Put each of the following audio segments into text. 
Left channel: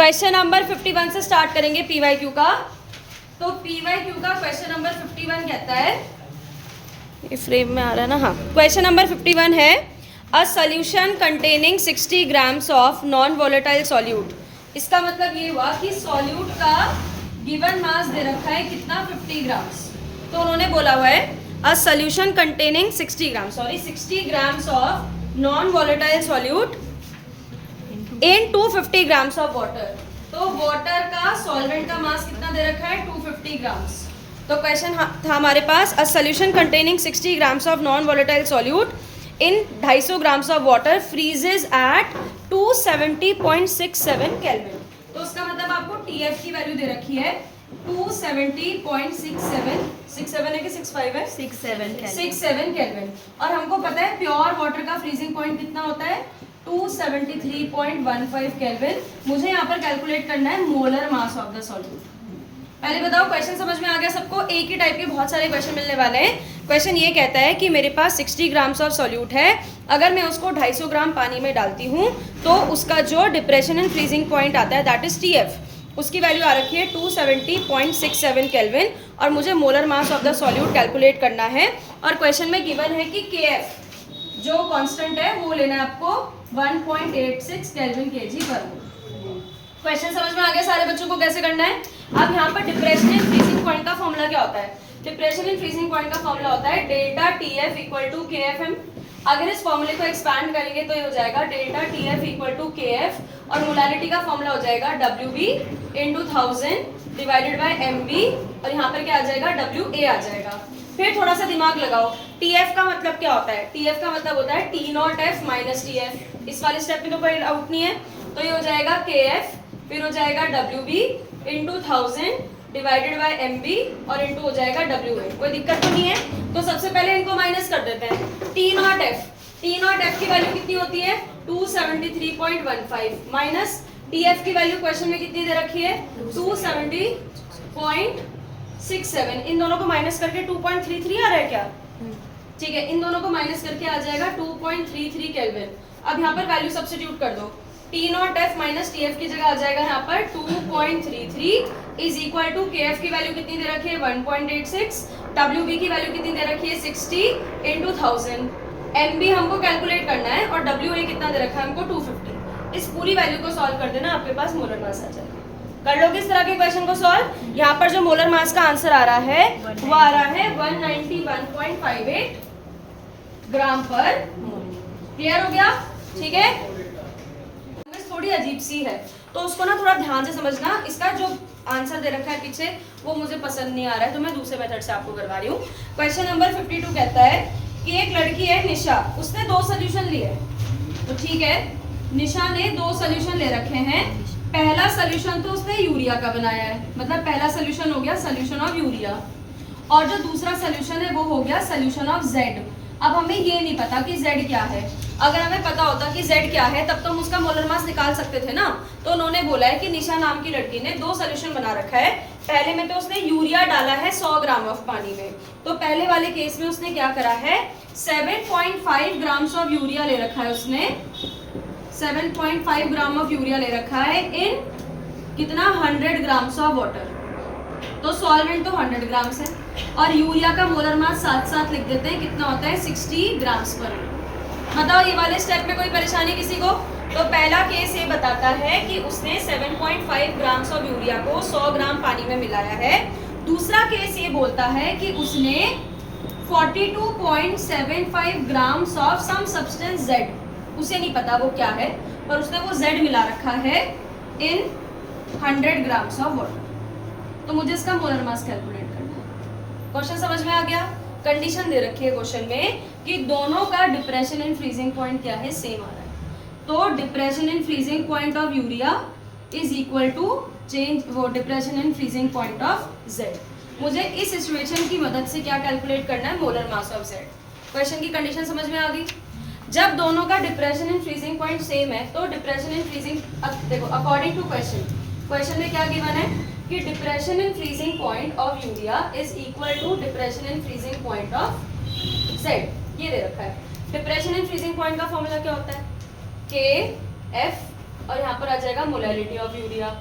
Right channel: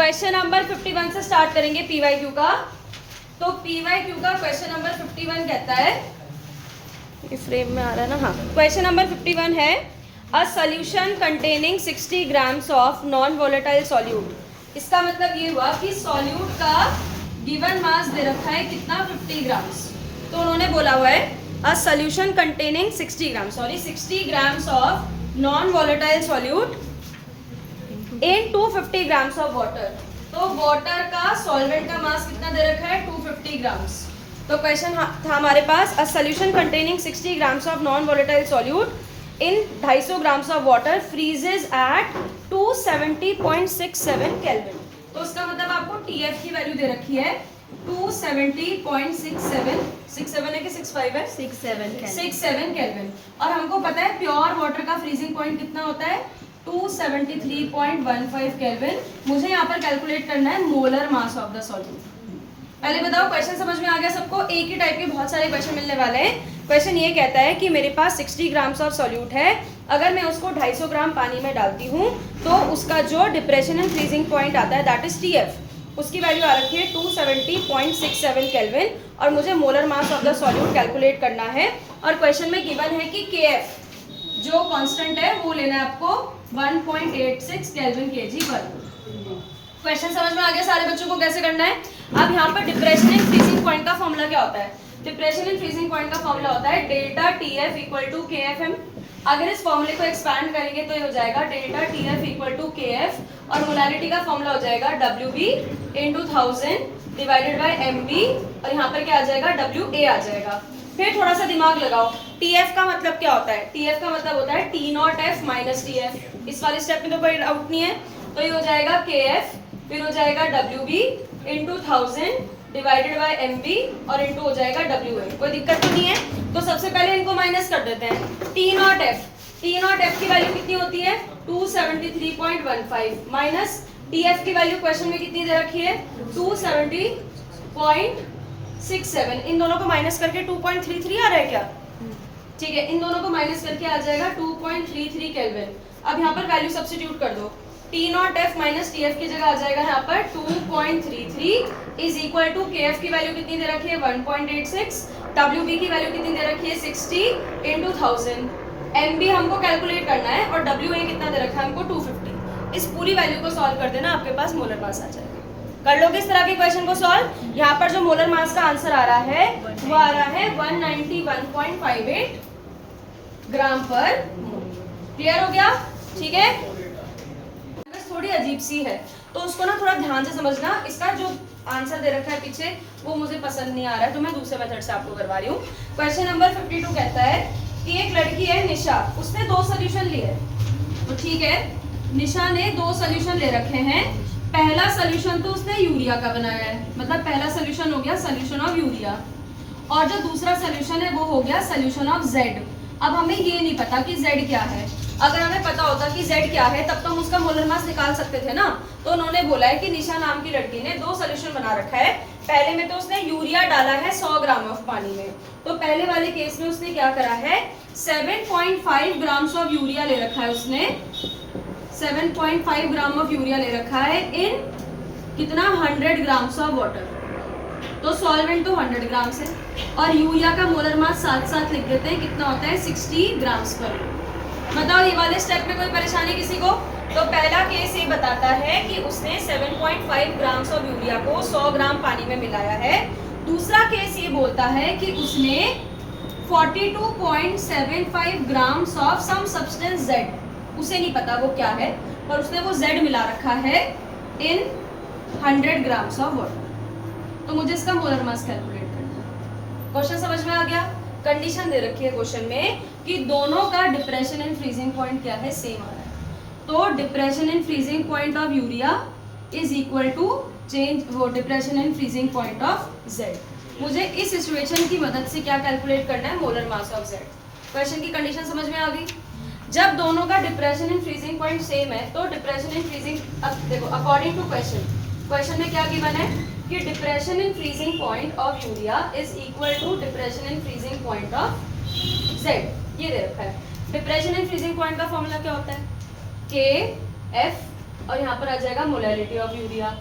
Question number 51 से start करेंगे PYQ का। तो पीवाईक्यू का क्वेश्चन नंबर 51 कहता है, ये फ्रेम में आ रहा है ना, हाँ। क्वेश्चन नंबर 51 है, अ solution containing 60 grams of non volatile solute. इसका मतलब ये हुआ कि सॉल्यूट का गिवन मास दे रखा है कितना, 50 ग्राम्स। तो उन्होंने बोला हुआ है अ solution containing 60 grams of non volatile solute in 250 grams of water. तो वाटर का सॉल्वेंट का मास कितना दे रखा है, 250 ग्राम्स। तो क्वेश्चन था हमारे पास, a solution containing 60 grams of non volatile solute in 250 grams of water freezes at 270.67 Kelvin. तो उसका मतलब आपको टीएफ की वैल्यू दे रखी है 270.67, 67 है कि 65 है, 67 केल्विन। और हमको पता है प्योर वाटर का फ्रीजिंग पॉइंट कितना होता है, 273.15 केल्विन। मुझे यहाँ पर कैलकुलेट करना है molar mass of the solute. पहले बताओ क्वेश्चन समझ में आ गया सबको? एक ही टाइप के बहुत सारे क्वेश्चन मिलने वाले हैं। क्वेश्चन ये कहता है कि मेरे पास 60 ग्राम्स ऑफ सॉल्यूट है, अगर मैं उसको 250 ग्राम पानी में डालती हूँ तो उसका जो डिप्रेशन एंड फ्रीजिंग पॉइंट आता है दैट इज टीएफ, उसकी वैल्यू आ रखी है 270.67 केल्विन और मुझे molar mass of the solute calculate करना है। और क्वेश्चन में गिवन है कि केएफ जो कांस्टेंट है वो लेना है आपको 1.86 केल्विन केजी पर। क्वेश्चन समझ में आ गया सारे बच्चों को कैसे करना है? अब यहाँ पर डिप्रेशन एंड फ्रीजिंग पॉइंट का फॉर्मूला क्या होता है? डिप्रेशन एंड फ्रीजिंग पॉइंट का फॉर्मूला होता है डेल्टा टीएफ इक्वल टू केएफएम। अगर इस फॉर्मूले को एक्सपैंड करेंगे तो ये हो जाएगा delta TF equal to KF और मोलारिटी का फॉर्मूला हो जाएगा W into 1000 divided by MB और यहाँ पर क्या आ जाएगा, WA आ जाएगा। फिर थोड़ा सा दिमाग लगाओ, टीएफ का मतलब क्या होता है? टीएफ का मतलब होता है T0F माइनस टीएफ। इस वाले स्टेप में तो कोई डाउट नहीं है, तो ये हो जाएगा KF, फिर हो जाएगा WB into 1000 divided by MB और इंटू हो जाएगा WA। कोई दिक्कत तो नहीं है? तो सबसे पहले इनको माइनस कर देते हैं। T0F की वैल्यू कितनी होती है, 273.15 माइनस TF की वैल्यू क्वेश्चन में कितनी दे रखी है, 270.67। इन दोनों को माइनस करके 2.33 आ रहा है क्या? ठीक है, इन दोनों को माइनस करके आ जाएगा 2.33 केल्विन। अब यहाँ पर वैल्यू सब्स्टिट्यूट कर दो, T0F माइनस TF की जगह आ जाएगा यहाँ पर 2.33 इज इक्वल टू KF की वैल्यू कितनी दे रखी है 1.86, WB की वैल्यू कितनी दे रखी है 60 इंटू 1000, MB हमको कैलकुलेट करना है और WA कितना दे रखा है हमको 250। इस पूरी वैल्यू को सॉल्व कर देना, आपके पास मोलर मास आ जाएगा। कर लोगे इस तरह के क्वेश्चन को सॉल्व? यहाँ पर जो मोलर मास का आंसर आ रहा है वो आ रहा है 191.58 ग्राम पर मोल। क्लियर हो गया? ठीक है, थोड़ी अजीब सी है तो उसको ना थोड़ा ध्यान से समझना। इसका जो आंसर दे रखा है पीछे वो मुझे पसंद नहीं आ रहा है तो मैं दूसरे मेथड से आपको करवा रही हूँ। क्वेश्चन नंबर 52 कहता है कि एक लड़की है निशा, उसने 2 सोल्यूशन लिए। तो ठीक है, निशा ने 2 सोल्यूशन ले रखे हैं। पहला सोल्यूशन तो उसने यूरिया का बनाया है, मतलब पहला सोल्यूशन हो गया सोल्यूशन ऑफ यूरिया और जो दूसरा सोल्यूशन है वो हो गया सोल्यूशन ऑफ जेड। अब हमें ये नहीं पता कि जेड क्या है। अगर हमें पता होता कि जेड क्या है तब तो हम उसका मोलर मास निकाल सकते थे ना। तो उन्होंने बोला है कि निशा नाम की लड़की ने 2 सोल्यूशन बना रखा है। पहले में तो उसने यूरिया डाला है 100 ग्राम ऑफ पानी में, तो पहले वाले केस में उसने क्या करा है 7.5 ग्राम्स ऑफ यूरिया ले रखा है। उसने 7.5 ग्राम ऑफ यूरिया ले रखा है इन कितना 100 ग्राम्स ऑफ वाटर। तो सॉल्वेंट तो 100 ग्राम्स है और यूरिया का मोलर मास साथ साथ लिख देते हैं, कितना होता है 60 ग्राम्स पर। बताओ ये वाले स्टेप में कोई परेशानी किसी को? तो पहला केस ये बताता है कि उसने 7.5 ग्राम्स ऑफ यूरिया को 100 ग्राम पानी में मिलाया है। दूसरा केस ये बोलता है कि उसने 42.75 grams of some substance Z, उसे नहीं पता वो क्या है पर उसने वो जेड मिला रखा है इन 100 ग्राम्स ऑफ वाटर। तो मुझे इसका मोलर मास कैलकुलेट करना है। क्वेश्चन समझ में आ गया? कंडीशन दे रखी है क्वेश्चन में कि दोनों का डिप्रेशन एंड फ्रीजिंग पॉइंट क्या है, सेम आ रहा है। तो depression and freezing point of urea is equal to change वो depression and freezing point of Z. मुझे इस सिचुएशन की मदद से क्या कैलकुलेट करना है, molar mass of Z. Question की कंडीशन समझ में आ गई? जब दोनों का depression and freezing point same है तो डिप्रेशन एंड फ्रीजिंग, देखो अकॉर्डिंग टू क्वेश्चन में क्या गिवन है कि depression and freezing point of urea is equal to depression and freezing point of Z. ये दे रखा है। डिप्रेशन एंड फ्रीजिंग पॉइंट का फॉर्मूला क्या होता है, KF और यहाँ पर आ जाएगा molality of urea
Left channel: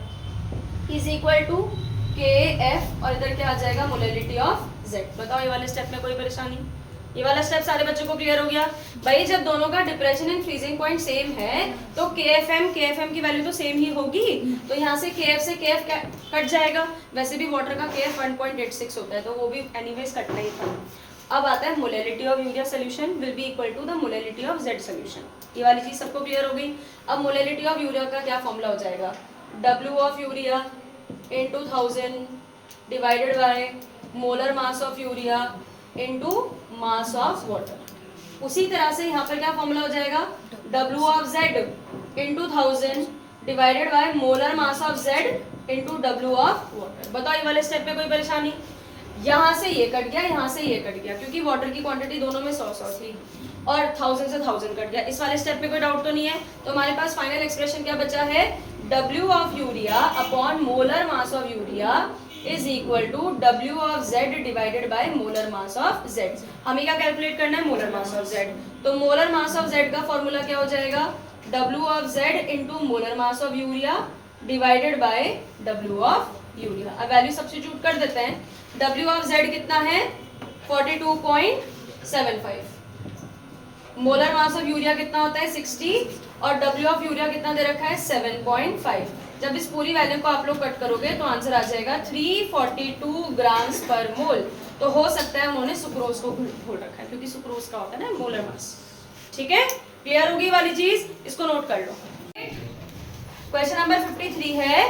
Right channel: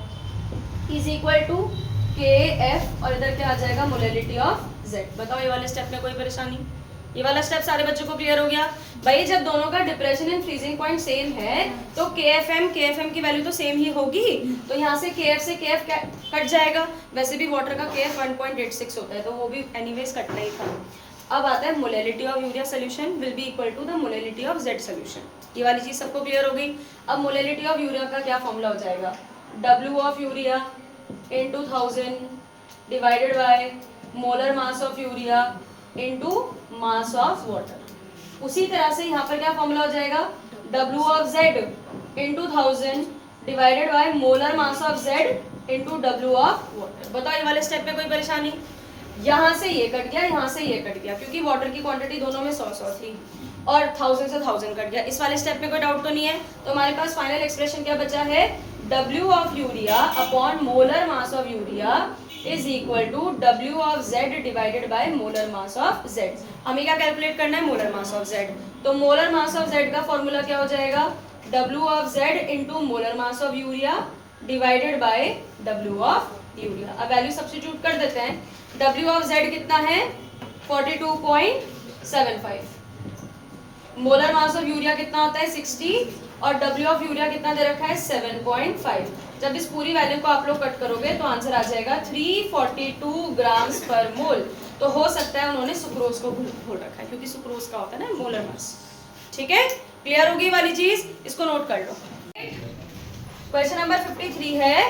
is equal to KF और इधर क्या आ जाएगा मोलैलिटी ऑफ Z। बताओ ये वाले स्टेप में कोई परेशानी? ये वाला स्टेप सारे बच्चों को क्लियर हो गया? भाई जब दोनों का depression in freezing point same है तो KFM की वैल्यू तो सेम ही होगी, तो यहाँ से KF से KF कट जाएगा। वैसे भी वाटर का KF 1.86 होता है तो वो भी एनीवेज कटना ही था। अब आता है molality of urea solution will be equal to the molality of Z solution. ये वाली चीज सबको क्लियर हो गई? अब मोलैलिटी ऑफ यूरिया का क्या फॉर्मूला हो जाएगा? W of urea into 1000 divided by molar mass of urea into mass of water। उसी तरह से यहाँ पर क्या फॉर्मूला हो जाएगा? W of Z into 1000 divided by molar mass of Z into W of water। बताओ ये वाले स्टेप में कोई परेशानी? यहाँ से ये कट गया, यहाँ से ये कट गया, क्योंकि वाटर की क्वांटिटी दोनों में 100 थी और 1000 से 1000 कट गया। इस वाले स्टेप में कोई डाउट तो नहीं है? तो हमारे पास फाइनल एक्सप्रेशन क्या बचा है? W of urea upon molar mass of urea is equal to W of Z divided by molar mass of Z। हमें क्या कैलकुलेट करना है? Molar mass of Z। तो मोलर मास ऑफ Z का formula क्या हो जाएगा? W of Z into molar mass of urea divided by W of urea. अब वैल्यू सब्स्टिट्यूट कर देते हैं। W of Z कितना है? 42.75। मोलर मास ऑफ यूरिया कितना होता है? 60 और W ऑफ यूरिया कितना दे रखा है? 7.5। जब इस पूरी वैल्यू को आप लोग कट करोगे तो आंसर आ जाएगा 342 ग्राम्स पर मोल। तो हो सकता है उन्होंने सुक्रोज को भूल रखा है, क्योंकि सुक्रोज का होता है ना मोलर मास। ठीक है, क्लियर होगी वाली चीज? इसको नोट कर लो। क्वेश्चन नंबर 53 है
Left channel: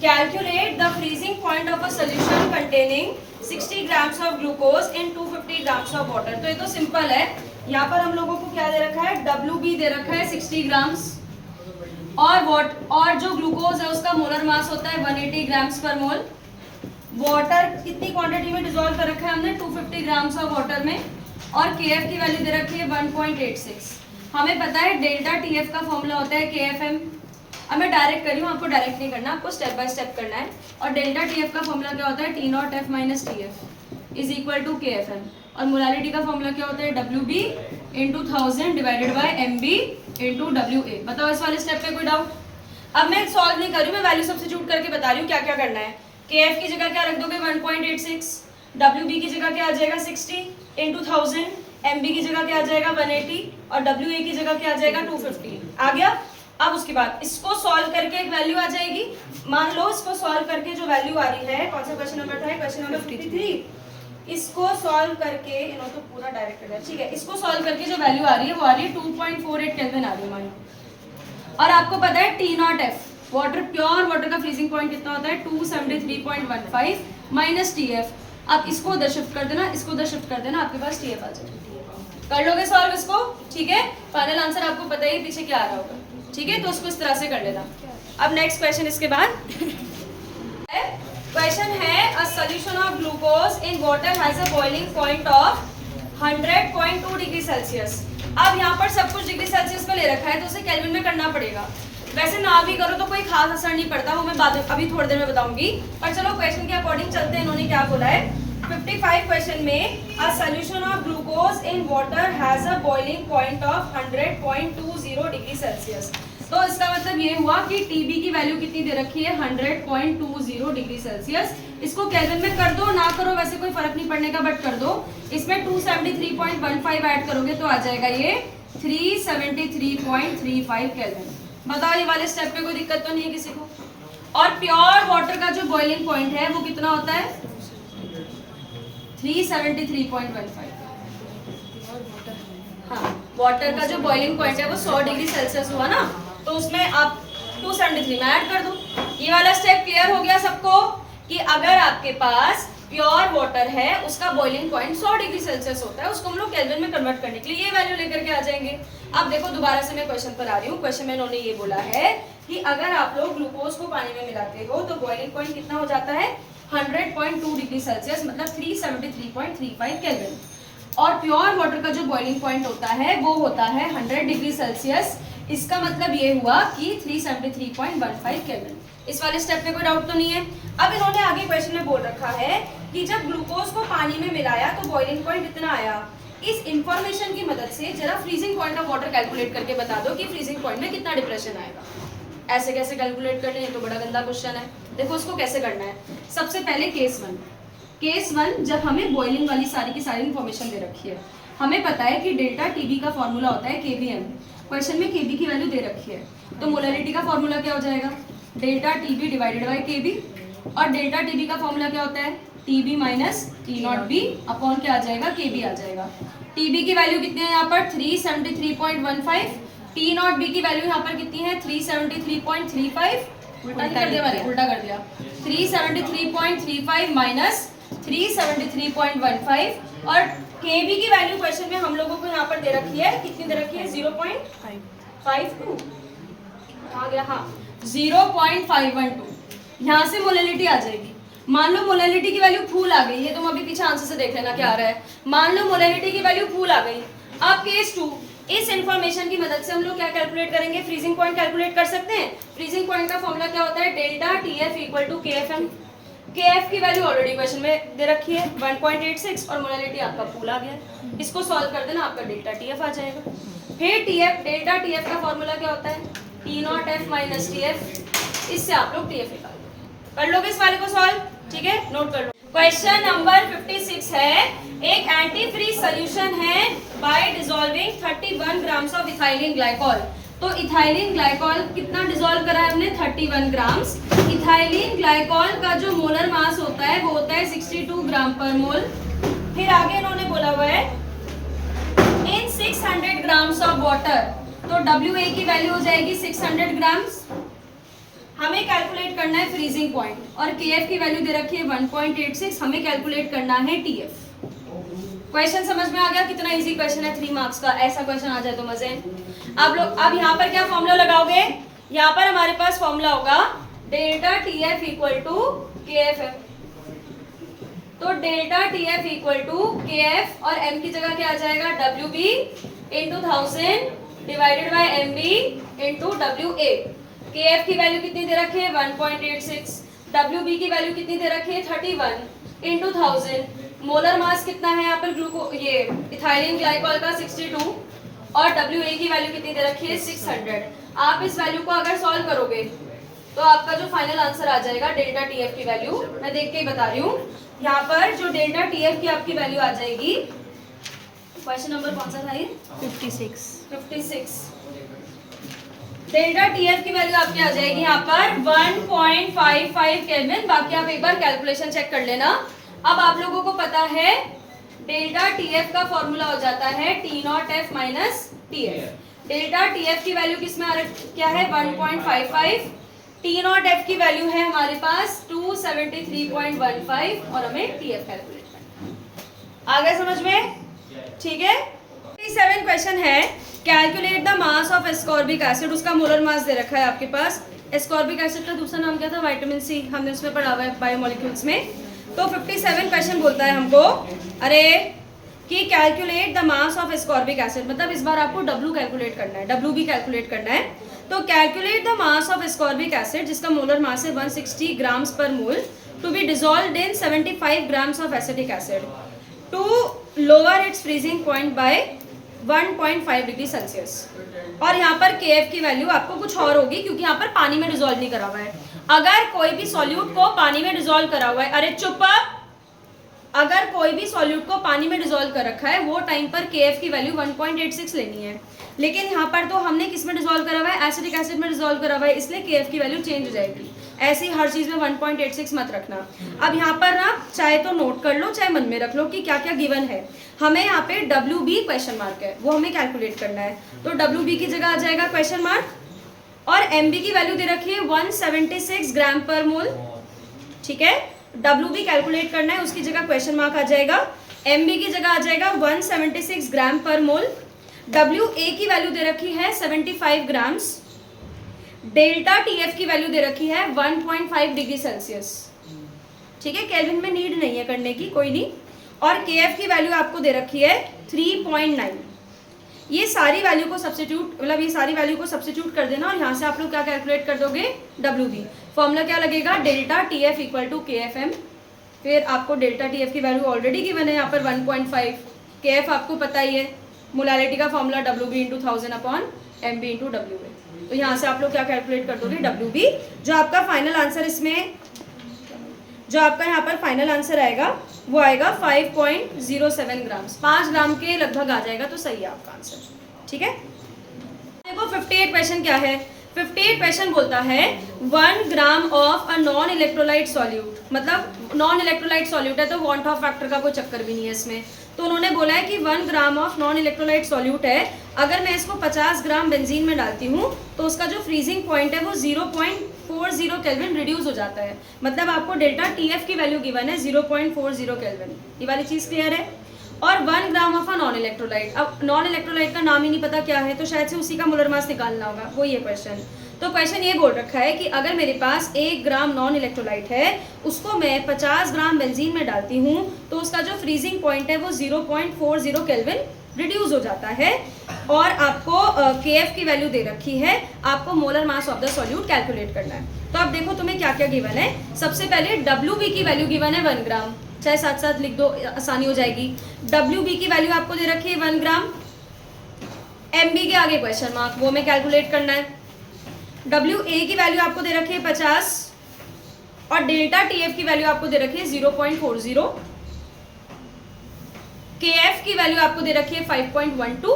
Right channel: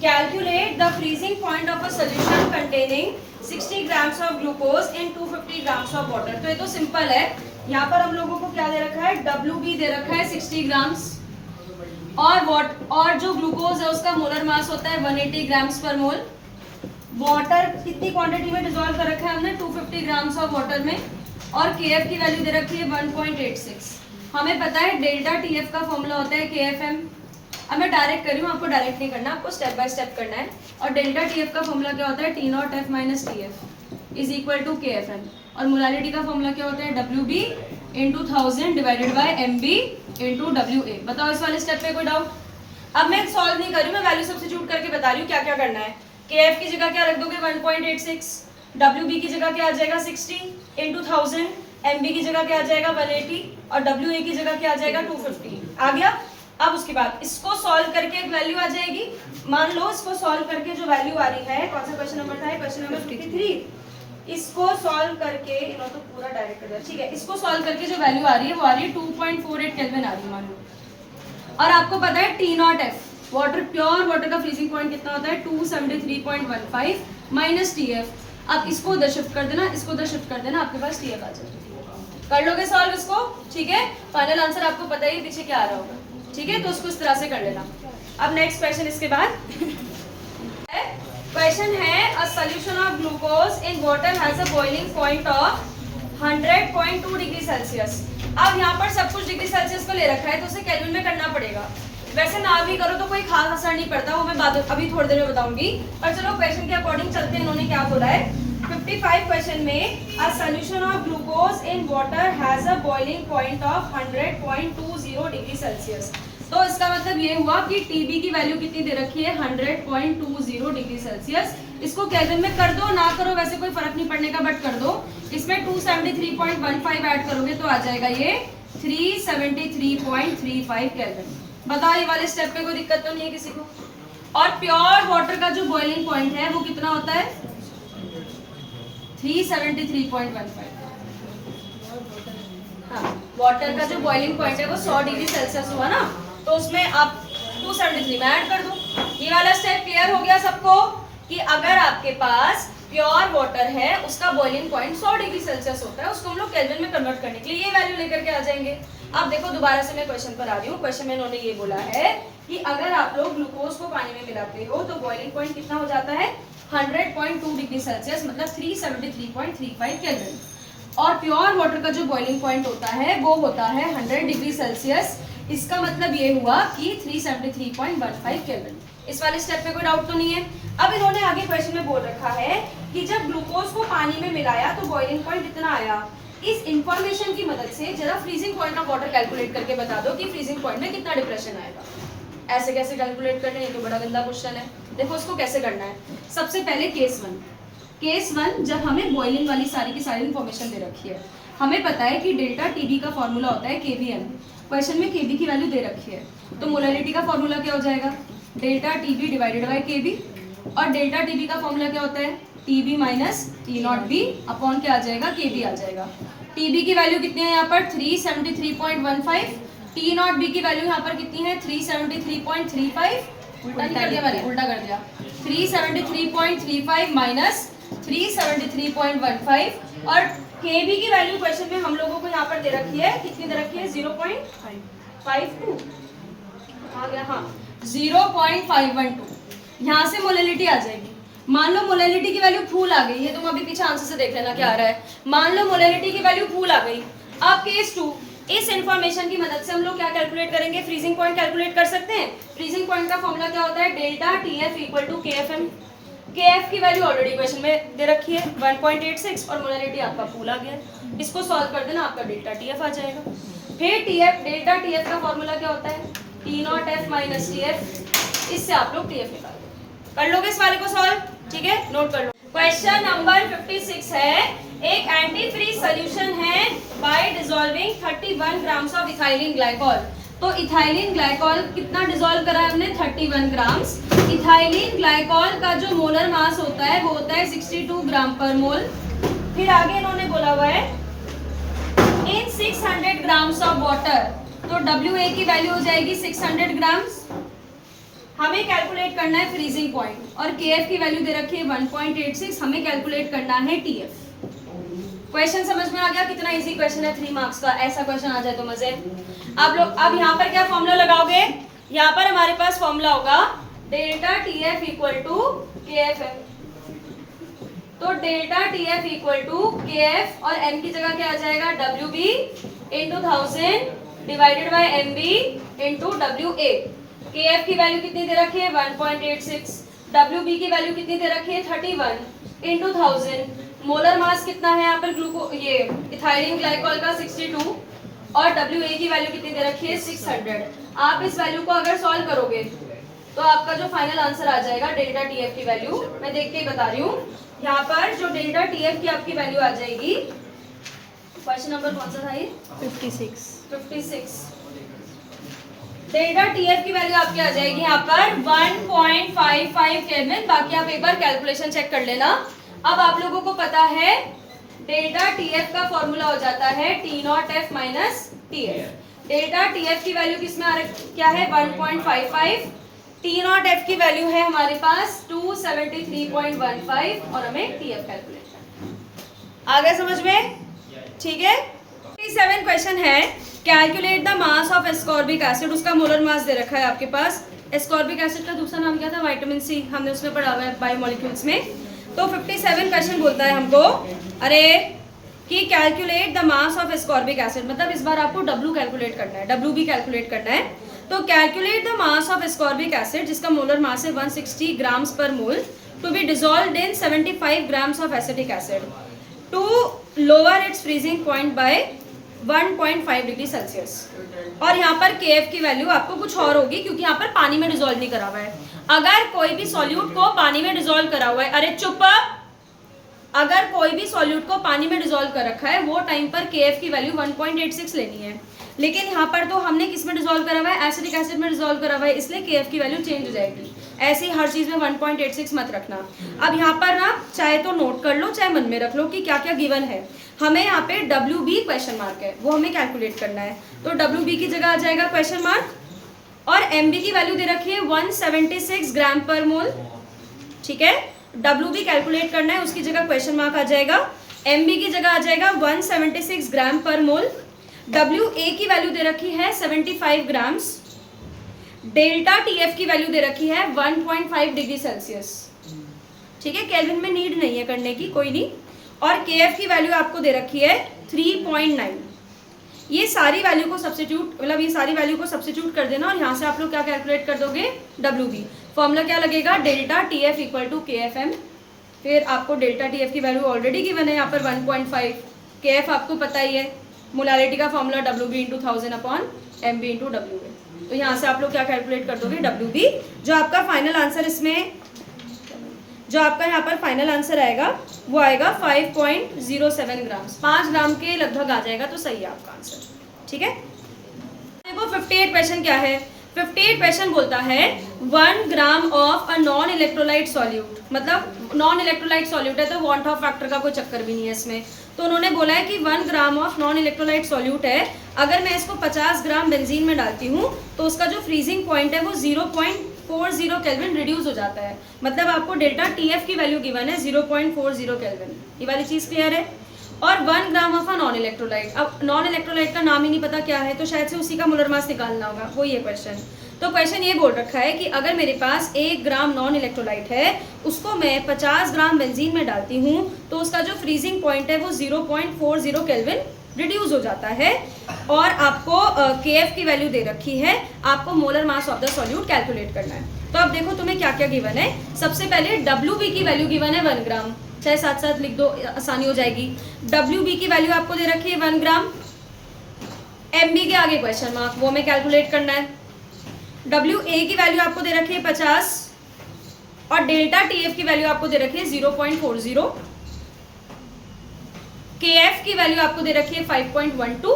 calculate the freezing point of a solution containing 60 grams of glucose in 250 grams of water. तो ये तो सिंपल है। यहाँ पर हम लोगों को क्या दे रखा है? WB दे रखा है 60 ग्राम्स और जो ग्लूकोज है उसका मोलर मास होता है 180 ग्राम्स पर मोल। वाटर कितनी क्वांटिटी में डिसॉल्व कर रखा है हमने? 250 ग्राम्स ऑफ वाटर में, और KF की वैल्यू दे रखी है 1.86। हमें पता है डेल्टा TF का फॉर्मूला होता है KFM। अब मैं डायरेक्ट कर रही हूँ, आपको डायरेक्ट नहीं करना, आपको स्टेप बाय स्टेप करना है। और डेल्टा TF का फॉर्मूला क्या होता है? T0F minus TF is equal to KFM। और मोलारिटी का फॉर्मूला क्या होता है? WB into 1000 divided by MB into WA। बताओ इस वाले स्टेप पे कोई डाउट? अब मैं सॉल्व नहीं कर रही हूँ, मैं वैल्यू सब्स्टिट्यूट करके बता रही हूँ क्या क्या करना है। KF की जगह क्या रख दोगे? 1.86। WB की जगह क्या आ जाएगा? 60 इंटू 1000। MB की जगह क्या आ जाएगा? 180 और WA की जगह क्या आ जाएगा? 250। आ गया? अब उसके बाद इसको सॉल्व करके एक वैल्यू आ जाएगी। मान लो इसको सॉल्व करके जो वैल्यू आ रही है, कौन सा क्वेश्चन नंबर था? Question number 53। इसको सॉल्व करके इन्होंने तो पूरा डायरेक्ट कर दिया। ठीक है, इसको सॉल्व करके जो वैल्यू आ रही है वो आ रही है 2.48 केल्विन आ रही है मान लो। और आपको पता है T0F वाटर, प्योर वाटर का फ्रीजिंग पॉइंट कितना होता है? 273.15 माइनस TF। अब इसको उधर शिफ्ट कर देना, इसको उधर शिफ्ट कर देना, आपके पास TF आ जाएगा। कर लोगे सॉल्व इसको? ठीक है, फाइनल आंसर आपको पता ही पीछे क्या आ रहा होगा। ठीक है, तो उसको इस तरह से कर लेना। अब नेक्स्ट क्वेश्चन इसके बाद क्वेश्चन है a solution of glucose in water has a boiling point of 100.2 degree Celsius. अब यहाँ पर सब कुछ डिग्री सेल्सियस पे ले रखा है तो उसे केल्विन में करना पड़ेगा। वैसे ना भी करो तो कोई खास असर नहीं पड़ता, वो मैं बाद अभी थोड़ी देर में बताऊंगी। पर चलो क्वेश्चन के अकॉर्डिंग चलते हैं। इन्होंने क्या बोला है 55 क्वेश्चन में? A solution of glucose in water has a boiling point of 100.20 degree Celsius. तो इसका मतलब ये हुआ कि TB की वैल्यू कितनी दे रखी है? 100.20 डिग्री सेल्सियस। इसको केल्विन में कर दो, ना करो वैसे कोई फर्क नहीं पड़ने का, बट कर दो। इसमें 273.15 ऐड करोगे तो आ जाएगा ये 373.35 केल्विन। बताओ ये वाले स्टेप पे कोई दिक्कत तो नहीं है किसी को? और प्योर वाटर का जो बॉइलिंग पॉइंट है वो कितना होता है? 373.15। हाँ, वाटर का जो बॉइलिंग पॉइंट है वो 100 डिग्री सेल्सियस हुआ ना, तो उसमें आप 273 में ऐड कर दो। ये वाला स्टेप क्लियर हो गया सबको कि अगर आपके पास प्योर वाटर है उसका बॉइलिंग पॉइंट 100 डिग्री सेल्सियस होता है, उसको हम लोग केल्विन में कन्वर्ट करने के लिए ये वैल्यू लेकर के आ जाएंगे। अब देखो दोबारा से मैं क्वेश्चन पर आ रही हूँ। क्वेश्चन में इन्होंने ये बोला है कि अगर आप लोग ग्लूकोज को पानी में मिलाते हो तो बॉइलिंग पॉइंट कितना हो जाता है? 100.2 डिग्री सेल्सियस, मतलब 373.35 केल्विन। और प्योर वाटर का जो बॉइलिंग पॉइंट होता है वो होता है 100 डिग्री सेल्सियस। इसका मतलब ये हुआ कि 373.15 केल्विन। इस वाले स्टेप में कोई डाउट तो नहीं है? अब इन्होंने आगे क्वेश्चन में बोल रखा है कि जब ग्लूकोज को पानी में मिलाया तो बॉइलिंग पॉइंट कितना आया? इस इंफॉर्मेशन की मदद से जरा freezing point of water calculate करके बता दो कि फ्रीजिंग पॉइंट में कितना डिप्रेशन आएगा। ऐसे कैसे कैलकुलेट करना है, तो बड़ा गंदा क्वेश्चन है। देखो उसको कैसे करना है। सबसे पहले केस वन, जब हमें बॉइलिंग वाली सारी की सारी इन्फॉर्मेशन दे रखी है, हमें पता है कि डेल्टा टीबी का फॉर्मूला होता है केबीएम। क्वेश्चन में केबी की वैल्यू दे रखी है, तो मोलरिटी का फॉर्मूला क्या हो जाएगा, डेल्टा टीबी डिवाइडेड बाई केबी। और डेल्टा टीबी का फॉर्मूला क्या होता है, TB minus T not be upon क्या आ जाएगा, केबी आ जाएगा। टीबी की वैल्यू कितनी है यहाँ पर 373.15, टी नॉट बी की वैल्यू यहाँ पर कितनी है 373.35, उल्टा कर दिया मैंने, उल्टा कर दिया, 373.35 माइनस 373.15। और केबी की वैल्यू क्वेश्चन में हम लोगों को यहाँ पर दे रखी है, कितनी दे रखी है 0.552, आ गया हाँ 0.512। यहाँ से मोलैलिटी आ जाएगी। मान लो मोलैलिटी की वैल्यू फूल आ गई, ये तुम अभी पीछे आंसर से देख लेना क्या आ रहा है। मान लो मोलैलिटी की वैल्यू फूल आ गई। अब केस 2, इस इंफॉर्मेशन की मदद से हम लोग क्या कैलकुलेट करेंगे, फ्रीजिंग पॉइंट कैलकुलेट कर सकते हैं। फ्रीजिंग पॉइंट का फॉर्मूला क्या होता है, delta TF equal to KFM. KF की वैल्यू ऑलरेडी क्वेश्चन में दे रखी है 1.86 और मोलैलिटी आपका फूल आ गया। इसको सॉल्व कर देना, आपका डेल्टा टीएफ आ जाएगा। फिर टीएफ, डेल्टा टीएफ का फॉर्मूला क्या होता है, T naught F minus TF. इससे आप लोग टीएफ निकाल दो। कर लोगे इस वाले को सॉल्व, ठीक है, नोट कर लो। क्वेश्चन नंबर 56 है, एक एंटी फ्रीज सोल्यूशन है bye dissolving 31 grams of ethylene glycol. तो इथाइलिन ग्लाइकॉल कितना डिसॉल्व करा है हमने, 31 ग्राम्स। इथाइलिन ग्लाइकॉल का जो मोलर मास होता है वो होता है 62 ग्राम पर मोल। फिर आगे इन्होंने बोला हुआ है इन 600 ग्राम्स ऑफ वाटर, तो WA की वैल्यू हो जाएगी 600 ग्राम्स। हमें कैलकुलेट करना है फ्रीजिंग पॉइंट और KF की वैल्यू दे रखी है 1.86, हमें कैलकुलेट करना है TF। क्वेश्चन समझ में आ गया, कितना इजी क्वेश्चन है, 3 मार्क्स का। ऐसा क्वेश्चन आ जाए तो मजे। आप लोग अब यहाँ पर क्या फॉर्मूला लगाओगे, यहाँ पर हमारे पास फॉर्मूला होगा delta TF equal to KFM। तो delta TF equal to KF और M की जगह क्या आ जाएगा, WB into 1000 divided by MB into WA। KF की वैल्यू कितनी दे रखी है 1.86, WB की वैल्यू कितनी दे रखी है 31 इंटू 1000। मोलर मास कितना है यहाँ पर ये इथाइलिन ग्लाइकॉल का 62 और WA की वैल्यू कितनी दे रखी है 600। आप इस वैल्यू को अगर सॉल्व करोगे तो आपका जो फाइनल आंसर आ जाएगा डेल्टा TF की वैल्यू, मैं देख के ही बता रही हूँ। यहाँ पर जो डेल्टा TF की आपकी वैल्यू आ जाएगी, क्वेश्चन नंबर कौन सा था ये, 56। डेल्टा TF की वैल्यू आपकी आ जाएगी यहाँ पर 1.55 केल्विन। बाकी आप एक बार कैलकुलेशन चेक कर लेना। अब आप लोगों को पता है डेल्टा TF का फॉर्मूला हो जाता है T not F minus TF। Delta TF की वैल्यू किस में आ रही क्या है 1.55, T नॉट F की वैल्यू है हमारे पास 273.15 और हमें TF कैलकुलेट करना है। आ गया समझ में, ठीक है। 57 क्वेश्चन है, calculate the mass of ascorbic acid. उसका मोलर मास दे रखा है आपके पास। एस्कॉर्बिक एसिड का दूसरा नाम क्या था, विटामिन सी, हमने उसमें पढ़ा हुआ है बायोमोलिक्यूल्स में। तो 57 क्वेश्चन बोलता है हमको अरे कि calculate the mass of ascorbic acid, मतलब इस बार आपको W कैलकुलेट करना है, WB कैलकुलेट करना है। तो calculate the mass of ascorbic acid जिसका मोलर मास है 160 grams per mole to be dissolved in 75 grams of acetic acid to lower its freezing point by 1.5 degree Celsius. और यहाँ पर KF की वैल्यू आपको कुछ और होगी क्योंकि यहाँ पर पानी में डिसॉल्व नहीं करा हुआ है। अगर कोई भी सॉल्यूट को पानी में डिसॉल्व करा हुआ है, अरे चुप, अगर कोई भी सॉल्यूट को पानी में डिसॉल्व कर रखा है वो टाइम पर KF की वैल्यू 1.86 लेनी है। लेकिन यहाँ पर तो हमने किस में डिसॉल्व करा हुआ है, एसिटिक एसिड में डिसॉल्व करा हुआ है, इसलिए KF की वैल्यू चेंज हो जाएगी। ऐसे ही हर चीज में 1.86 मत रखना। अब यहाँ पर ना चाहे तो नोट कर लो चाहे मन में रख लो कि क्या क्या गिवन है। हमें यहाँ पे WB क्वेश्चन मार्क है, वो हमें कैलकुलेट करना है। तो WB की जगह आ जाएगा क्वेश्चन मार्क और MB की वैल्यू दे रखी है 176 ग्राम पर मोल, ठीक है। WB कैलकुलेट करना है, उसकी जगह क्वेश्चन मार्क आ जाएगा। MB की जगह आ जाएगा 176 ग्राम पर मोल। WA की वैल्यू दे रखी है 75 ग्राम्स। डेल्टा TF की वैल्यू दे रखी है 1.5 डिग्री सेल्सियस, ठीक है। केल्विन में नीड नहीं है करने की, कोई नहीं। और KF की वैल्यू आपको दे रखी है 3.9। ये सारी वैल्यू को सब्स्टिट्यूट, मतलब ये सारी वैल्यू को सब्स्टिट्यूट कर देना और यहाँ से आप लोग क्या कैलकुलेट कर दोगे, WB। फॉर्मूला क्या लगेगा, delta TF equal to KFM। फिर आपको डेल्टा TF की वैल्यू ऑलरेडी गिवन है यहाँ पर 1.5, KF आपको पता ही है, मोलारिटी का formula WB into 1000 upon MB into WA। तो यहाँ से आप लोग क्या कैलकुलेट कर दोगे, WB। जो आपका फाइनल आंसर इसमें, जो आपका यहाँ पर फाइनल आंसर आएगा वो आएगा 5.07 ग्राम्स, 5 ग्राम के लगभग आ जाएगा, तो सही है आपका आंसर। ठीक है, देखो 58 क्वेश्चन क्या है। 58 क्वेश्चन बोलता है 1 gram of a non electrolyte solute, मतलब नॉन इलेक्ट्रोलाइट सॉल्यूट है तो वांट ऑफ फैक्टर का कोई चक्कर भी नहीं है इसमें। तो उन्होंने बोला है कि 1 gram of non electrolyte solute है, अगर मैं इसको 50 ग्राम बेंजीन में डालती हूँ तो उसका जो फ्रीजिंग पॉइंट है वो 0.40 केल्विन रिड्यूस हो जाता है। मतलब आपको डेल्टा TF की वैल्यू गिवन है 0.40 केल्विन। ये वाली चीज क्लियर है। और 1 gram of a non electrolyte, अब नॉन इलेक्ट्रोलाइट का नाम ही नहीं पता क्या है, तो शायद से उसी का मोलर मास निकालना होगा, वो ये क्वेश्चन। तो क्वेश्चन ये बोल रखा है कि अगर मेरे पास 1 ग्राम नॉन इलेक्ट्रोलाइट है, उसको मैं 50 ग्राम बेंजीन में डालती हूँ तो उसका जो फ्रीजिंग पॉइंट है वो 0.40 केल्विन रिड्यूस हो जाता है। और आपको KF की वैल्यू दे रखी है, आपको molar mass of the solute calculate करना है। तो अब देखो तुम्हें क्या क्या गिवन है। सबसे पहले WB की वैल्यू गिवन है 1 ग्राम, चाहे साथ साथ लिख दो, आसानी हो जाएगी। WB की वैल्यू आपको दे रखी है 1 ग्राम, MB के आगे क्वेश्चन मार्क, वो हमें कैलकुलेट करना है। WA की वैल्यू आपको दे रखी है 50 और डेल्टा TF की वैल्यू आपको दे रखी है 0.40, KF की वैल्यू आपको दे रखी है 5.12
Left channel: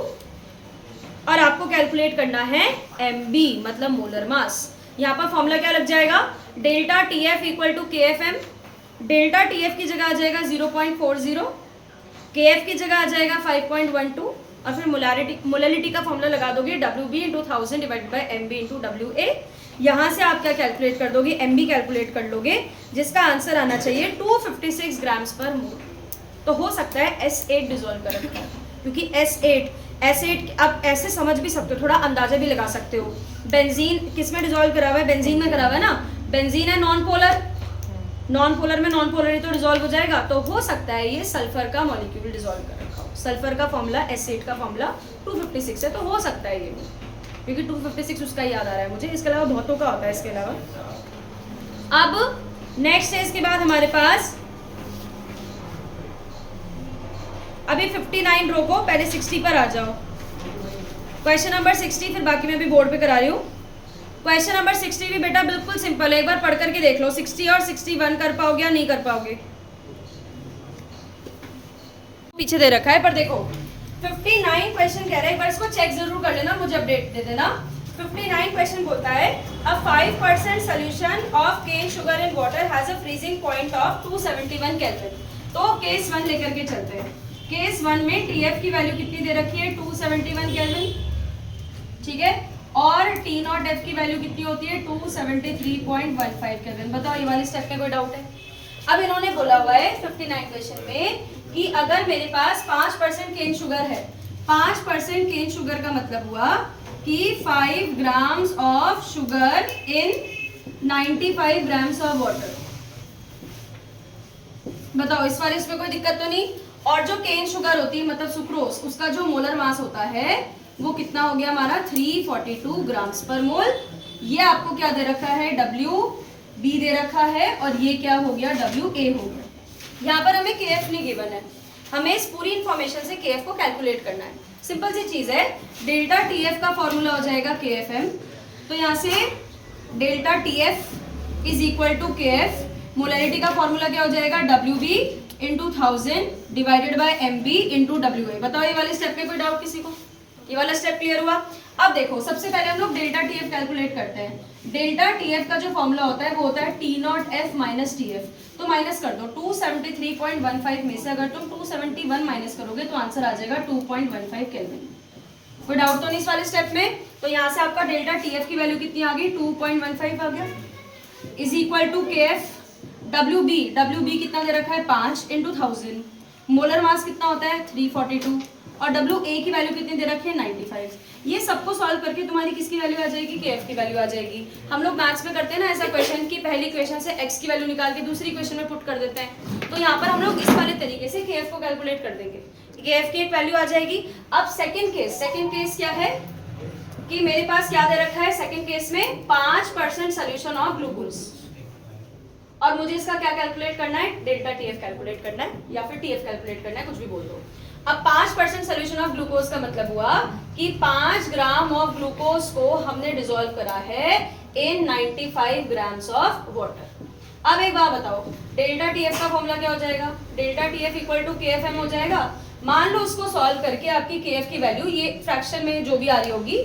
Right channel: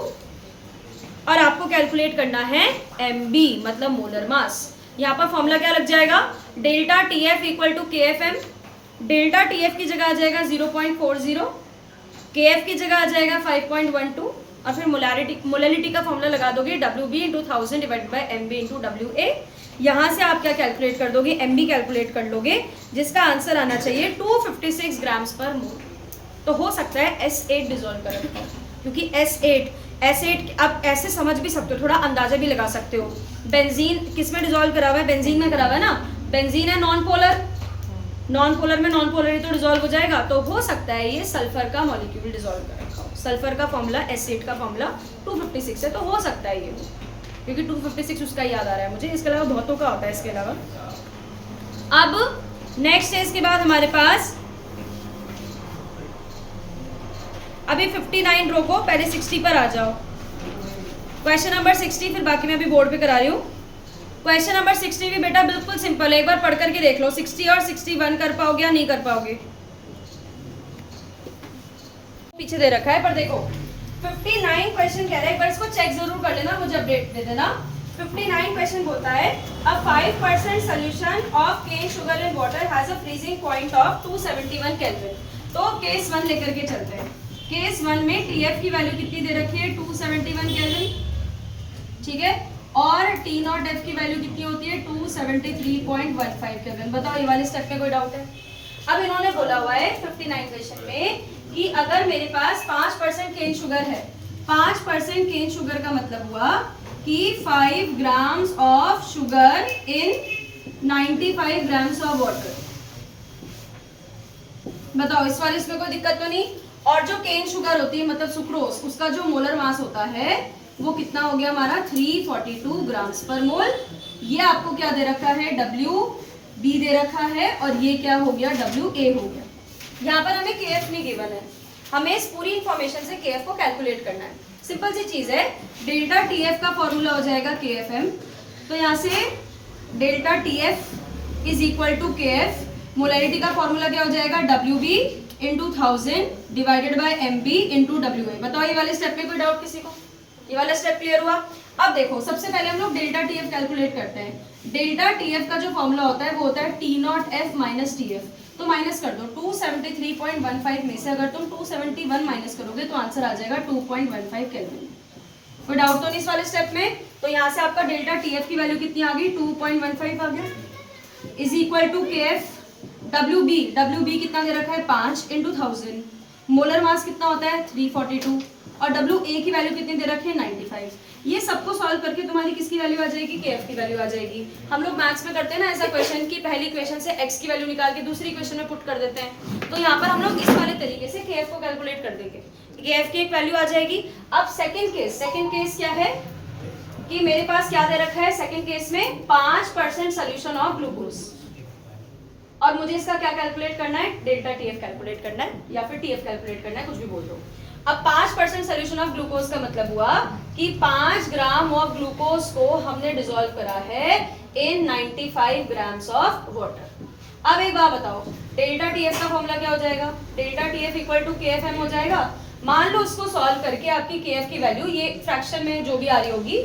और आपको कैलकुलेट करना है MB मतलब मोलर मास। यहाँ पर फॉर्मूला क्या लग जाएगा, delta TF equal to KFM। Delta TF की जगह आ जाएगा 0.40, KF की जगह आ जाएगा 5.12 और फिर मोलारिटी का फॉर्मूला लगा दोगे WB into 1000 divided by MB into WA। यहाँ से आप क्या कैलकुलेट कर दोगे, MB कैलकुलेट कर लोगे, जिसका आंसर आना चाहिए 256 ग्राम्स पर मोल। तो हो सकता है S8 डिजोल्व कर रखा हो, क्योंकि S8 आप ऐसे समझ भी सकते हो, थोड़ा अंदाजा भी लगा सकते हो। बेंजीन किस में डिजोल्व करा हुआ है, बेंजीन में करा हुआ है ना। बेंजीन है नॉन पोलर, नॉन पोलर में नॉन पोलर ही तो डिजोल्व हो जाएगा, तो हो सकता है ये सल्फर का मॉलिक्यूल डिजोल्व कर रखा हो। सल्फर का फॉर्मूला S8 का फॉर्मूला 256 है, तो हो सकता है ये, क्योंकि 256 उसका याद आ रहा है मुझे, इसके अलावा बहुतों का होता है इसके अलावा। अब नेक्स्ट है, इसके बाद हमारे पास अभी 59 रोको, पहले 60 पर आ जाओ। क्वेश्चन नंबर 60 फिर बाकी मैं अभी बोर्ड पे करा रही हूँ। क्वेश्चन नंबर 60 भी बेटा बिल्कुल सिंपल है, एक बार पढ़ करके देख लो। 60 और 61 कर पाओगे या नहीं कर पाओगे, पीछे दे रखा है, पर देखो 59 क्वेश्चन कह रहे हैं, पर इसको चेक जरूर कर लेना, मुझे अपडेट दे देना। 59 क्वेश्चन बोलता है a 5% solution of cane sugar in water has a freezing point of 271 kelvin. तो केस 1 लेकर के चलते हैं। केस 1 में TF की वैल्यू कितनी दे रखी है, 271 केल्विन, ठीक है। और T0F की वैल्यू कितनी होती है, 273.15 केल्विन। बताओ ये वाले स्टेप में कोई डाउट है। अब इन्होंने बोला हुआ है 59 क्वेश्चन में कि अगर मेरे पास 5% केन शुगर है, 5% केन शुगर का मतलब हुआ कि 5 grams of sugar in 95 grams of water. बताओ इस वाले इसमें कोई दिक्कत तो नहीं। और जो केन शुगर होती है मतलब सुक्रोज, उसका जो मोलर मास होता है वो कितना हो गया हमारा, 342 ग्राम्स पर मोल। ये आपको क्या दे रखा है, WB दे रखा है, और ये क्या हो गया, WA हो गया। यहाँ पर हमें KF नहीं गिवन है, हमें इस पूरी इंफॉर्मेशन से KF को कैलकुलेट करना है। सिंपल सी चीज है, डेल्टा TF का फॉर्मूला हो जाएगा KFM। तो यहाँ से delta TF is equal to KF, molarity का फॉर्मूला क्या हो जाएगा, WB into 1000 divided by MB into WA। बताओ ये वाले स्टेप में कोई डाउट किसी को, ये वाला स्टेप क्लियर हुआ। अब देखो सबसे पहले हम लोग डेल्टा TF कैलकुलेट करते हैं। डेल्टा TF का जो फॉर्मूला होता है वो होता है T0F माइनस TF। तो माइनस कर दो, 273.15 में से अगर तुम 271 माइनस करोगे तो आंसर आ जाएगा 2.15 केल्विन। कोई डाउट तो नहीं इस वाले स्टेप में। तो यहाँ से आपका डेल्टा TF की वैल्यू कितनी आ गई, 2.15 आ गया, is equal to KF। WB कितना दे रखा है, 5 इंटू 1000। मोलर मास कितना होता है, 342, और WA की वैल्यू कितनी दे रखी है, 95। ये सबको सॉल्व करके तुम्हारी किसकी वैल्यू आ जाएगी, KF की वैल्यू आ जाएगी। हम लोग मैथ्स में करते हैं ना ऐसा क्वेश्चन की पहली इक्वेशन से x की वैल्यू निकाल के दूसरी इक्वेशन में पुट कर देते हैं। तो यहाँ पर हम लोग इस वाले तरीके से KF को कैलकुलेट कर देंगे, KF की एक वैल्यू आ जाएगी। अब सेकंड केस क्या है कि मेरे पास क्या दे रखा है, सेकंड केस में 5% सोल्यूशन ऑफ ग्लूकोज, और मुझे इसका क्या कैलकुलेट करना है, डेल्टा TF कैलकुलेट करना है या फिर TF कैलकुलेट करना है, कुछ भी बोल दो। अब 5% सोल्यूशन ऑफ ग्लूकोज का मतलब हुआ कि 5 ग्राम ऑफ ग्लूकोज को हमने डिसॉल्व करा है इन 95 ग्राम्स ऑफ वाटर। अब एक बात बताओ, डेल्टा टीएफ का फॉर्मूला क्या हो जाएगा? डेल्टा टीएफ इक्वल टू केएफएम हो जाएगा। मान लो उसको सॉल्व करके आपकी केएफ की वैल्यू, ये फ्रैक्शन में जो भी आ रही होगी,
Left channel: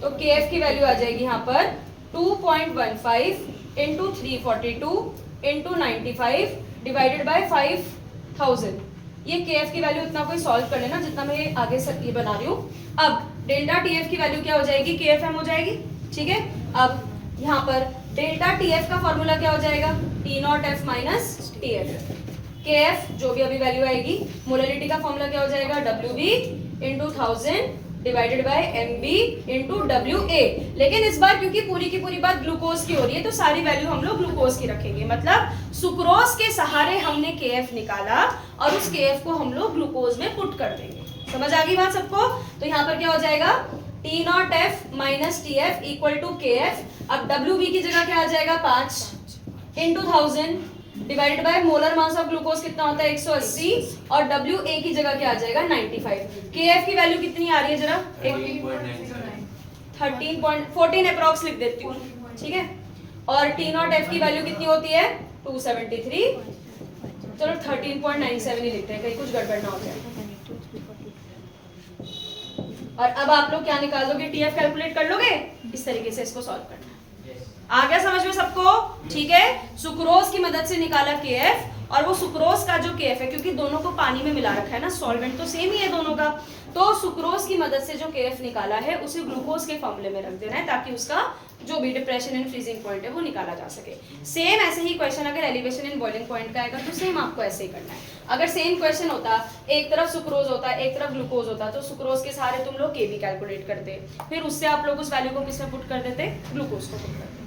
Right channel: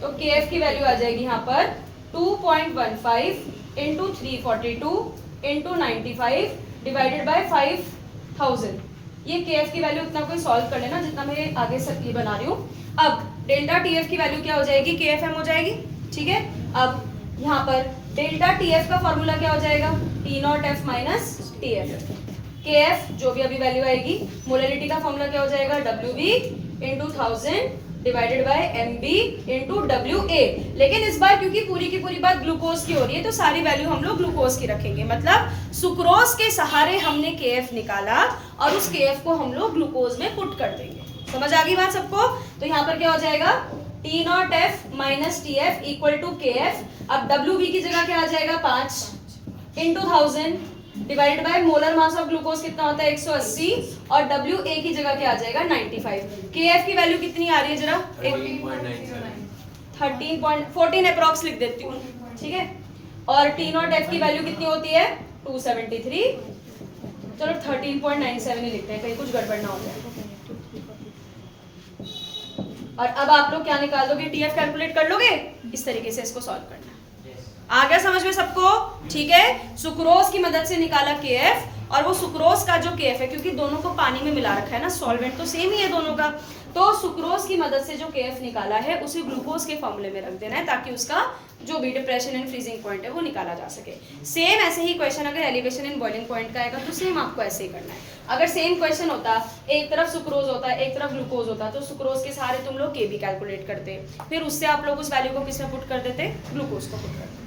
तो केएफ की वैल्यू आ जाएगी यहाँ पर 2.15 इंटू 342 इंटू 95 डिवाइडेड बाय 5000। ये केएफ की वैल्यू इतना कोई सॉल्व कर लेना जितना मैं आगे से ये बना रही हूँ। अब डेल्टा टीएफ की वैल्यू क्या हो जाएगी? केएफएम हो जाएगी, ठीक है। अब यहाँ पर डेल्टा टीएफ का फॉर्मूला क्या हो जाएगा? T naught F minus TF. KF जो भी अभी वैल्यू आएगी, मोलैलिटी का फॉर्मूला क्या हो जाएगा? W B into 1000 divided by M B into W A. लेकिन इस बार क्योंकि पूरी की पूरी बात ग्लूकोज की हो रही है तो सारी वैल्यू हम लोग ग्लूकोज की रखेंगे। मतलब सुक्रोज के सहारे हमने केएफ निकाला और उस केएफ को हम लोग ग्लूकोज में पुट कर देंगे। समझ आ गई बात सबको? तो यहाँ पर क्या हो जाएगा? T naught F minus T F equal to K F. अब डब्ल्यू बी की जगह क्या आ जाएगा? 5 into 1000 divided by molar mass of glucose कितना होता है? 180 और डब्ल्यू ए की जगह क्या आ जाएगा? 95। के एफ की वैल्यू कितनी आ रही है जरा? 13.14 अप्रॉक्स लिख देती हूँ, ठीक है। और टी नॉट एफ की वैल्यू कितनी होती है? 273। चलो 13.97 ही लिखते हैं, कहीं कुछ गड़बड़ ना हो जाए। और अब आप लोग क्या निकाल दोगे? टीएफ कैलकुलेट कर लोगे। इस तरीके से इसको सॉल्व करना है। आ गया समझ में सबको? ठीक है। सुक्रोज की मदद से निकाला केएफ, और वो सुक्रोज का जो केएफ है, क्योंकि दोनों को पानी में मिला रखा है ना, सॉल्वेंट तो सेम ही है दोनों का, तो सुक्रोज की मदद से जो केएफ निकाला है उसे ग्लूकोज के फॉर्मूले में रख देना है ताकि उसका जो भी डिप्रेशन एंड फ्रीजिंग पॉइंट है वो निकाला जा सके। सेम ऐसे ही क्वेश्चन अगर एलिवेशन एंड बॉइलिंग पॉइंट का आएगा तो सेम आपको ऐसे ही करना है। अगर सेम क्वेश्चन होता, एक तरफ सुक्रोज होता एक तरफ ग्लूकोज होता, तो सुक्रोज के सहारे तुम लोग केबी कैलकुलेट करते, फिर उससे आप लोग उस वैल्यू को किसमें पुट कर देते? ग्लूकोज को पुट करते।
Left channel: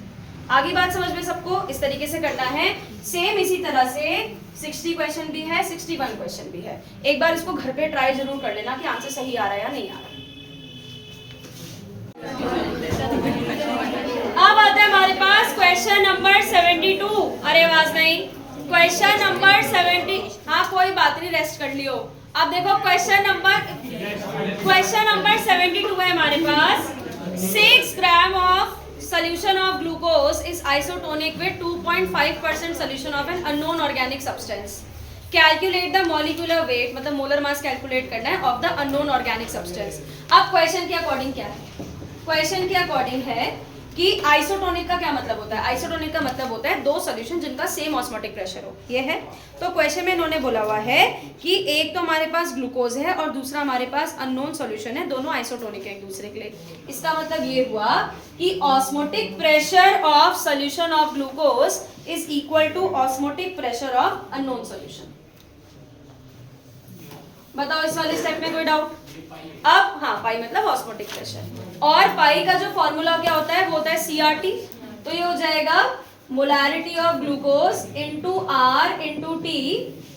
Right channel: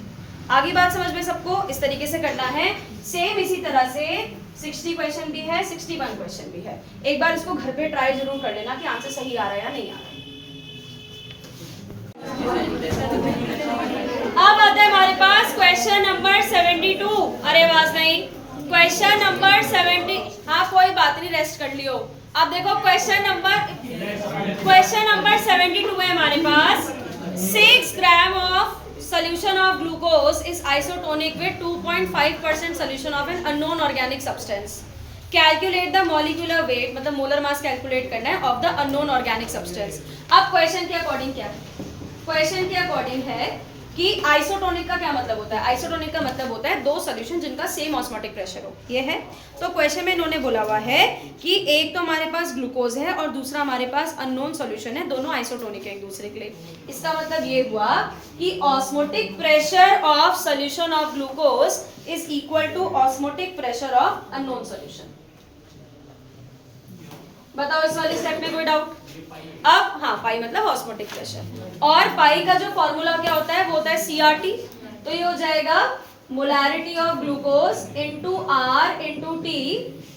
आगे बात समझ में सबको? इस तरीके से करना है। सेम इसी तरह से 60 क्वेश्चन भी है, 61 क्वेश्चन भी है। एक बार इसको घर पे ट्राई जरूर कर लेना कि आंसर सही आ रहा है या नहीं आ रहा। अब आता है हमारे पास क्वेश्चन नंबर 72। अरे आवाज नहीं। Question number 70। हाँ कोई बात नहीं, रेस्ट कर लियो। अब देखो क्वेश्चन नंबर 72 है हमारे पास। 6 gram of solution of glucose is isotonic with 2.5% solution of an unknown organic substance. Calculate the molecular weight, मतलब मोलर मास कैलकुलेट करना है of the unknown organic substance. अब क्वेश्चन के अकॉर्डिंग क्या है? क्वेश्चन के अकॉर्डिंग है कि आइसोटोनिक का क्या मतलब होता है? आइसोटोनिक का मतलब होता है दो सॉल्यूशन जिनका सेम ऑस्मोटिक प्रेशर हो। ये है। तो क्वेश्चन में इन्होंने बोला हुआ है कि एक तो हमारे पास ग्लूकोज है और दूसरा हमारे पास अननोन सॉल्यूशन है, दोनों आइसोटोनिक है एक दूसरे के लिए। इसका मतलब ये हुआ कि osmotic pressure of solution of glucose is equal to osmotic pressure of unknown solution. बताओ इस वाले स्टेप में कोई डाउट? अब हाँ, पाई मतलब ऑस्मोटिक प्रेशर, और पाई का जो फॉर्मूला क्या होता है वो होता है सीआरटी। तो ये हो जाएगा molarity of glucose into R into T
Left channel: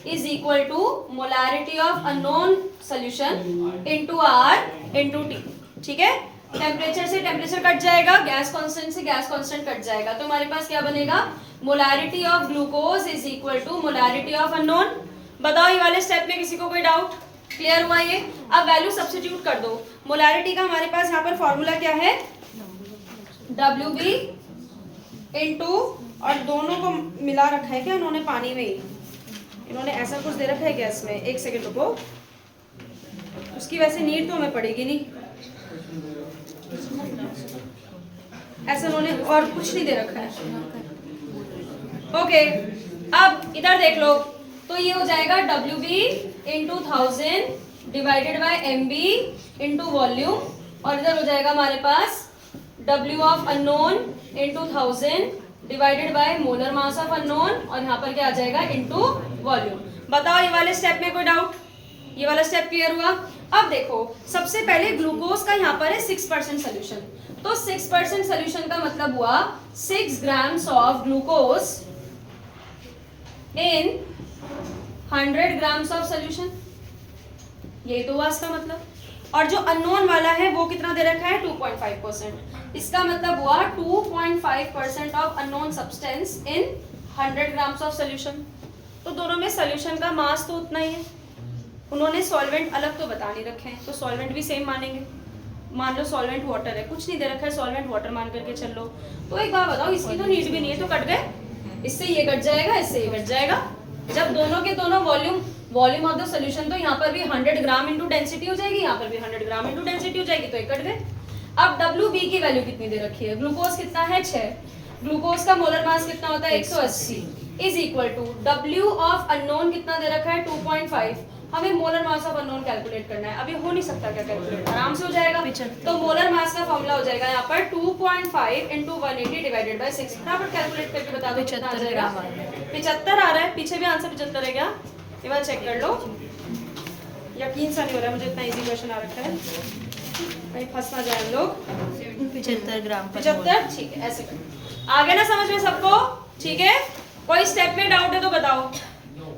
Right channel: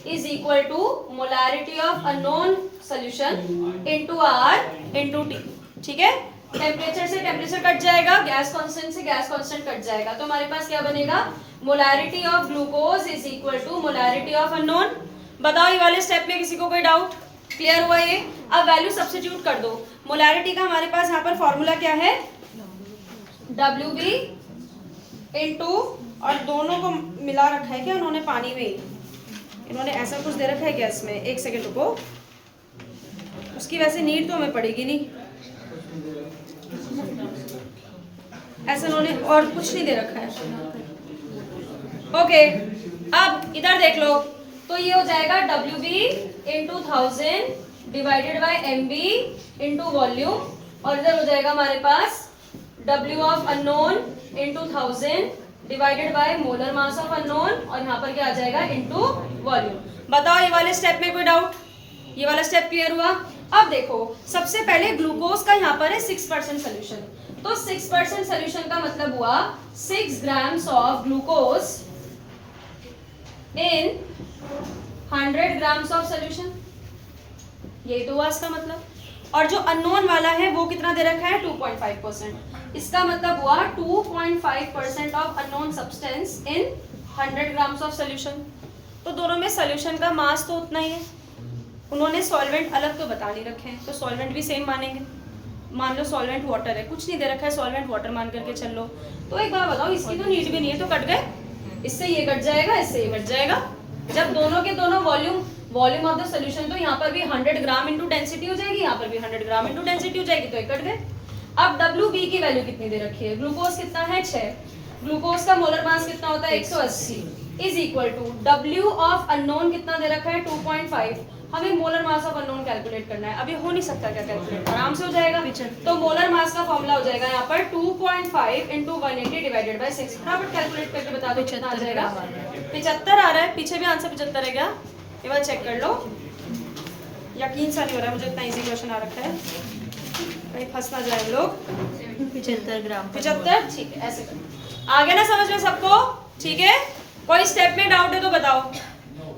is equal to molarity of unknown solution into R into T. ठीक है। टेम्परेचर से टेम्परेचर कट जाएगा, गैस कांस्टेंट से गैस कांस्टेंट कट जाएगा, तो हमारे पास क्या बनेगा? Molarity of glucose is equal to molarity of unknown. बताओ ये वाले स्टेप में किसी को कोई डाउट? क्लियर हुआ ये? अब वैल्यू सब्स्टिट्यूट कर दो। मोलैरिटी का हमारे पास यहाँ पर फॉर्मूला क्या है? WB इनटू, और दोनों को मिला रखा है क्या उन्होंने पानी में? इन्होंने ऐसा कुछ दे रखा है गैस में। एक सेकेंड रुको, उसकी वैसे नीड तो हमें पड़ेगी नहीं, ऐसा उन्होंने और कुछ नहीं दे रखा है। ओके, अब इधर देख लो, तो ये हो जाएगा WB into 1000 divided by MB into volume, और इधर हो जाएगा हमारे पास W of unknown into 1000 divided by molar mass of unknown, और यहाँ पर क्या आ जाएगा? Into volume. बताओ ये वाले स्टेप में कोई डाउट? ये वाला स्टेप क्लियर हुआ? अब देखो, सबसे पहले ग्लूकोज का यहाँ पर है 6% सोल्यूशन, तो 6% सोल्यूशन का मतलब हुआ 6 grams of glucose in 100 grams of solution. ये तो हुआ इसका मतलब। और जो अननोन वाला है वो कितना दे रखा है? 2.5%। इसका मतलब हुआ 2.5% of unknown substance in 100 grams of solution. तो दोनों में सोल्यूशन का मास तो उतना ही है, उन्होंने सॉल्वेंट अलग तो बता नहीं रखे हैं, तो सॉल्वेंट भी सेम मानेंगे। मान लो सॉल्वेंट वाटर है, कुछ नहीं दे रखा है, सॉल्वेंट वाटर मान करके चल लो। तो एक बात बताओ, इसकी तो नीड भी नहीं है, तो कट गए, इससे ये कट जाएगा, इससे ये कट जाएगा। जब दोनों के दोनों वॉल्यूम ऑफ द सोल्यूशन, तो यहाँ पर भी 100 ग्राम इंटू डेंसिटी हो जाएगी, यहाँ पर भी 100 ग्राम इंटू डेंसिटी हो जाएगी, तो ये कट गए। अब WB की वैल्यू कितनी दे रखी है, ग्लूकोज कितना है 6, ग्लूकोज का मोलर मास कितना होता है 180, is equal to W of unknown कितना दे रखा है 2.5। हमें molar mass of unknown calculate करना है। अभी हो नहीं सकता क्या कैलकुलेट, आराम से हो जाएगा। तो मोलर मास का फॉर्मूला हो जाएगा यहाँ पर 2.5 इंटू 180 डिवाइडेड बाय 6। फटाफट कैलकुलेट करके बता दो कितना आ जाएगा। 75 आ रहा है, पीछे भी आंसर 75 है क्या, ये बार चेक कर लो। यकीन सा नहीं हो रहा है मुझे, इतना इजी क्वेश्चन आ रखा है, कहीं फंस ना जाए हम लोग। 75 ग्राम 75, ठीक है, ऐसे कर। आ गया ना समझ में सबको, ठीक है। कोई स्टेप में डाउट है तो बताओ।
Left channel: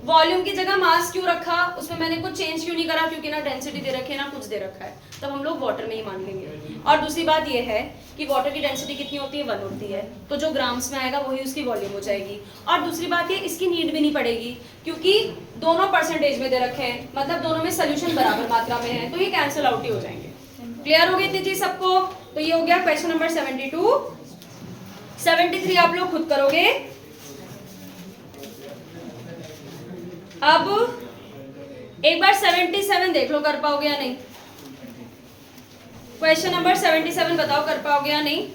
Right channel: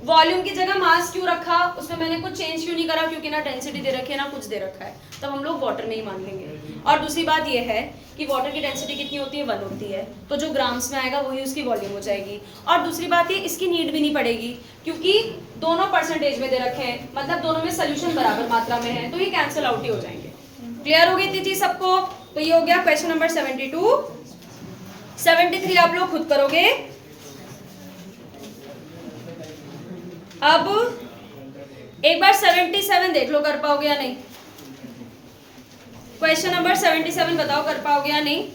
वॉल्यूम की जगह मास क्यों रखा, उसमें मैंने कुछ चेंज क्यों नहीं करा, क्योंकि ना डेंसिटी दे रखी है ना कुछ दे रखा है, तब हम लोग वाटर में ही मान लेंगे। और दूसरी बात ये है कि वाटर की डेंसिटी कितनी होती है 1 होती है, तो जो ग्राम्स में आएगा वही उसकी वॉल्यूम हो जाएगी। और दूसरी बात ये, इसकी नीड भी नहीं पड़ेगी, क्योंकि दोनों परसेंटेज में दे रखे हैं, मतलब दोनों में सोल्यूशन बराबर मात्रा में है, तो ये कैंसिल आउट ही हो जाएंगे। क्लियर हो गई इतनी चीज सबको। तो ये हो गया क्वेश्चन नंबर 72। 73 आप लोग खुद करोगे। अब एक बार 77 देख लो कर पाओगे या नहीं। क्वेश्चन नंबर 77 बताओ कर पाओगे या नहीं।